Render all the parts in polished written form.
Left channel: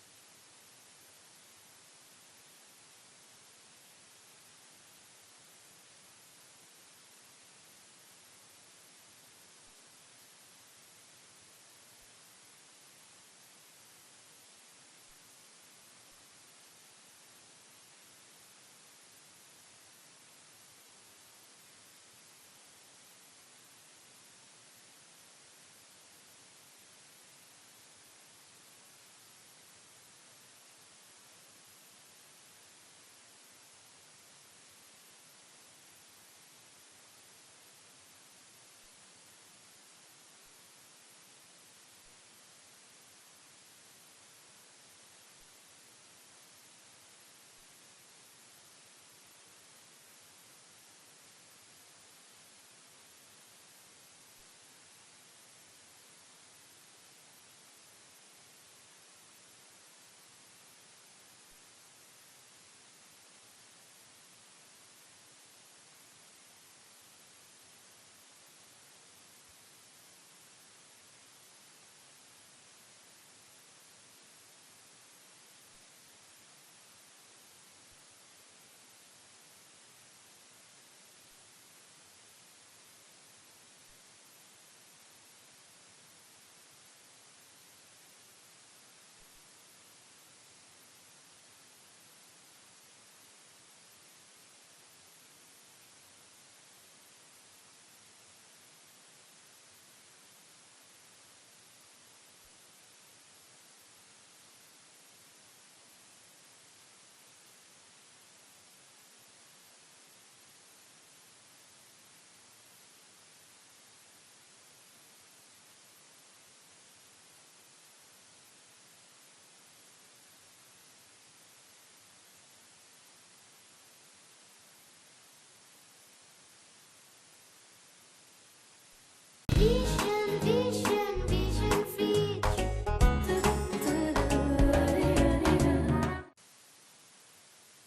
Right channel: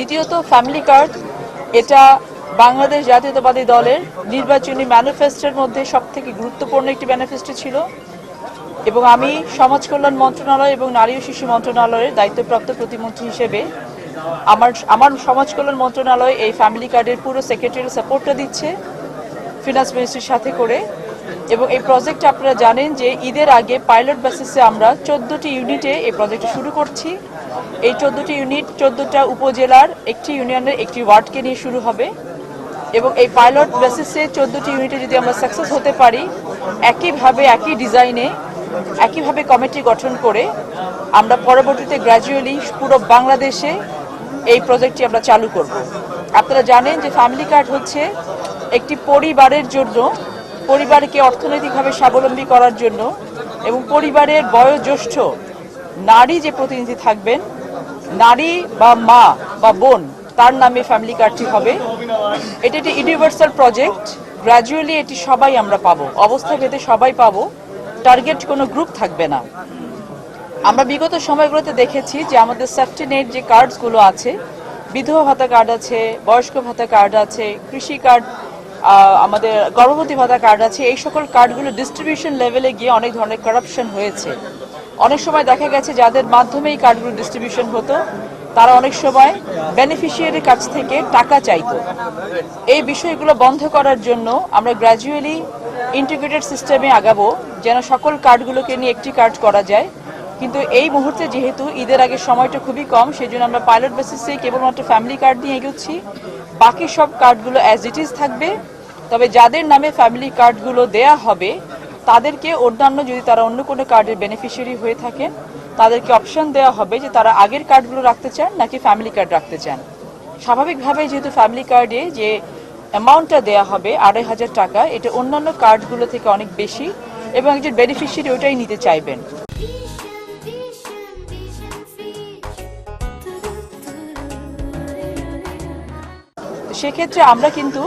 দ্বিতীয়ত family card, এটা বাংলাদেশ জাতীয়তাবাদী দলের নির্বাচনী ম্যানিফেস্টোর মধ্যে সবথেকে গুরুত্বপূর্ণ একটি ম্যানিফেস্টো ছিল এবং আমি সমাজ কল্যাণ মন্ত্রণালয় এবং নারী ও শিশু মন্ত্রণালয়ের দায়িত্বপ্রাপ্ত প্রতিমন্ত্রী হিসেবে আমার সমাজ কল্যাণ মন্ত্রণালয় এই ফ্যামিলি কার্ডের পুরো সেক্রেটারি সাপোর্টটা দিচ্ছে ফিনান্স মিনিস্ট্রির সাথে করে। এবং এই প্রজেক্টটা আপনারা জানেন যে ঈদের আগে পাইলট বেসিসে আমরা 14টি ইউনিটে এই প্রজেক্টটা শুরু করছি। এই 14টি ইউনিট 14টা উপজেলার একটি ইউনিয়নের একটি ওয়ার্ডকে নিয়ে শুরু হবে এবং এই পাইলট বেসিসে 14টি ইউনিটে যদি আমরা সাকসেস হতে পারি, একইভাবে একই ডিজাইনে একইভাবে কমিটি গঠন করে আমরা পরবর্তীতে গ্র্যাজুয়ালি পুরো বাংলাদেশে এই প্রজেক্টটি আমরা চালু করব। আপনারা জানেন যে ফ্যামিলি কার্ড হচ্ছে একটি পরিবারের জন্য, পরিবারকে অর্থনৈতিকভাবে স্বাবলম্বী করার জন্য এবং পরিবারের বয়োজ্যেষ্ঠ নারী যে প্রতিনিধি থাকবেন, নারী বা মা বা বোন, তার নামে ফ্যামিলি কার্ডটি হবে। এটি একটি ইউনিভার্সাল প্রজেক্ট, গ্র্যাজুয়ালি এটি সবাই আমরা পাবো, অবস্থা ভেদে সবাই পাবো, টার্গেট কোনো গ্রুপ থাকবে না। আমরা বিগত সময়গুলোতে দেখেছি যে আমাদের সেফটি নেট যে কার্ডসগুলো আছে, বিধবা ভাতা কার্ড আছে, বয়স্ক ভাতা কার্ড আছে, কৃষি কার্ড, আমাদের গর্ভবতী ভাতা কার্ড আছে, এই সকল কার্ডগুলো ডিস্ট্রিবিউশন লেভেলে গিয়ে অনেক ধরনের কারাপশন হয়েছে। অনেক সময় দেখা গেছে যাদের মাধ্যমে এই কার্ডগুলো ডিস্ট্রিবিউশন হতো তারা অনেক সময় বেনিফিশিয়ারির কাছ থেকে টাকা চাইতো। এই বিষয়গুলো বন্ধ করার জন্য আমরা গ্র্যাজুয়ালি ইন্টিগ্রেটেড সিস্টেমে আগাবো যেন সকল কার্ডগুলোকে নিয়ে একটি কার্ড করা যায়। কিন্তু এই মুহূর্তে যেহেতু ঈদের আগে সময়টা খুবই কম, সেই জন্য আমরা পাইলট বেসিসে কেবলমাত্র ফ্যামিলি কার্ড নিয়ে এগোচ্ছি। বাকি সব কার্ডগুলো অ্যাজ ইট ইজ থাকবে। তবে যাদের নামে ফ্যামিলি কার্ডগুলো দেয়া হবে তাদেরকে অন্যান্য, যদি তারা অন্য কোনো কার্ডের বেনিফিশিয়ারি হয়ে থাকেন, তাদেরকে অপশন দেওয়া হবে যে তারা আগের কার্ডগুলো রাখতে চান নাকি ফ্যামিলি কার্ড রাখতে চান। স্বাভাবিকভাবে যেহেতু ফ্যামিলি কার্ডে যে অ্যামাউন্টটা দেওয়া হবে 2,500 টাকা, এটা অন্যান্য কার্ডগুলো থেকে অনেক বেশি এবং একজন বেনিফিশিয়ারি ওটাই নিতে চাইবেন। সেক্ষেত্রে আমরা কিন্তু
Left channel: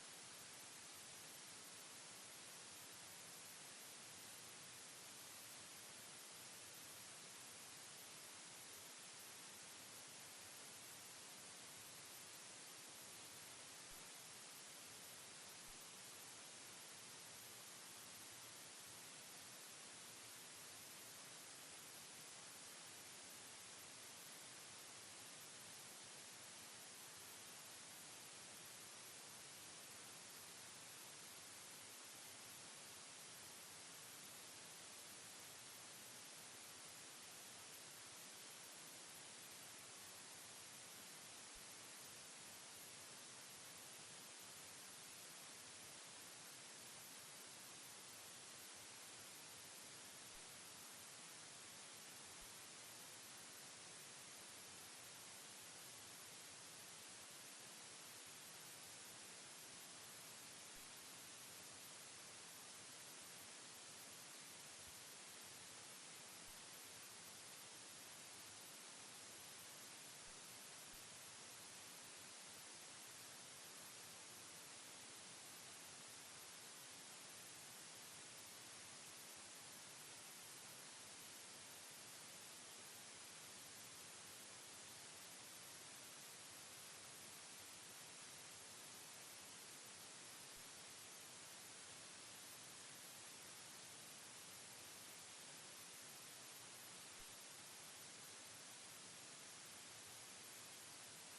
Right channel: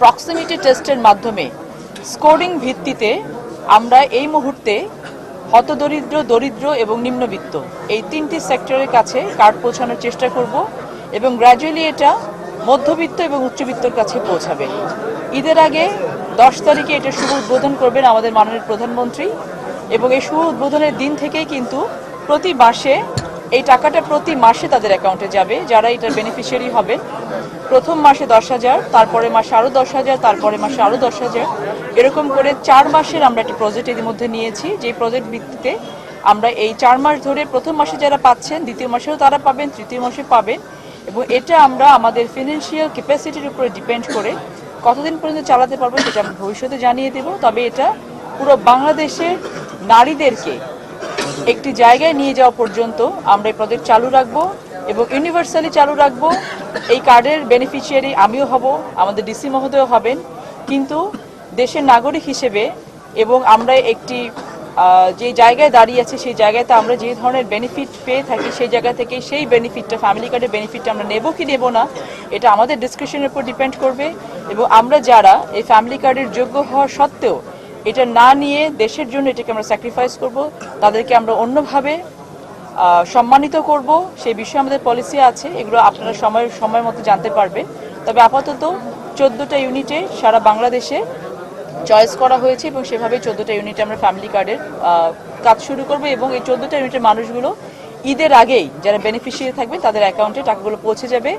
প্রক্সিমিটি টেস্টের মাধ্যমে স্কোরিং ভিত্তিতে আমরা এই মুহূর্তে হতদরিদ্র, দরিদ্র এবং নিম্নবিত্ত এই তিনটি সেক্টরের কাছে কার্ড পৌঁছানোর চেষ্টা করব এবং গ্র্যাজুয়ালি এটা মধ্যবিত্ত এবং উচ্চবিত্তর কাছে পৌঁছাবে। ঈদের আগে 10 তারিখে এটা শুভ উদ্বোধন করবেন আমাদের মাননীয় প্রধানমন্ত্রী এবং এই শুভ উদ্বোধনের দিন থেকেই কিন্তু প্রতি মাসে এই টাকাটা প্রতি মাসে তাদের অ্যাকাউন্টে যাবে যারা এটার বেনিফিশিয়ারি হবেন। প্রথম মাসে 10,000, তারপরে মাসে আরও 10,000, তারপরে মাসে আরও 10,000, এরকম করে 4 মাসের আমরা একটি প্রজেক্ট এর মধ্যে নিয়েছি। যে প্রজেক্ট ভিত্তিতে আমরা এই 4 মাস ধরে প্রথম মাসে যারা পাচ্ছেন দ্বিতীয় মাসেও তারা পাবেন, তৃতীয় মাসে পাবেন এবং এটা আমরা আমাদের ফিনান্সিয়াল ক্যাপাসিটির উপরে ডিপেন্ড করে কতদিন পর্যন্ত চালাতে পারবো সেটা আমরা ভবিষ্যতে জানিয়ে দেব। তবে এটা পুরো বাংলাদেশের নারীদেরকে একটি জায়গায় নিয়ে যাওয়া পর্যন্ত আমরা এই প্রজেক্ট চালু রাখবো এবং ইউনিভার্সালি চালু রাখবো। এই কার্ডের বেনিফিশিয়ারি আমিও হব, আমাদের ডিসি মহোদয় হবেন, কিন্তু দেশের নাগরিক হিসেবে এবং আমরা একটি যে জায়গায় দাঁড়িয়ে আছে সেই জায়গাতে আমরা যে ধরনের বেনিফিট পেয়ে থাকি সেই জায়গা থেকে সেই বেনিফিটটা, ফ্যামিলি কার্ডের বেনিফিটটা আমরা নেব কি নেব না এটা আমাদের ডিসক্রিপশনের উপর ডিপেন্ড করবে। এবং আমরা যারা এই ফ্যামিলি কার্ডের যোগ্য হওয়া সত্ত্বেও এটা না নিয়ে দেশের জন্য এটাকে আমরা স্যাক্রিফাইস করব, তাদেরকে আমরা অন্যভাবে সম্মানিত করব, সেই বিষয়ে আমাদের পলিসি আছে। এগুলো আপনারা সময় মতো জানতে পারবেন। তবে আপাতত 14টা ইউনিটে সারা বাংলাদেশে চয়েস করা হয়েছে এবং সেভাবে 14টা ইউনিটে আমরা ফ্যামিলি কার্ডের কাজ শুরু করব এবং এই 14টা ইউনিটের মানুষগুলো ঈদের আগেই যারা বেনিফিশিয়ারি থাকবে তাদের অ্যাকাউন্টে টাকাগুলো পৌঁছে যাবে।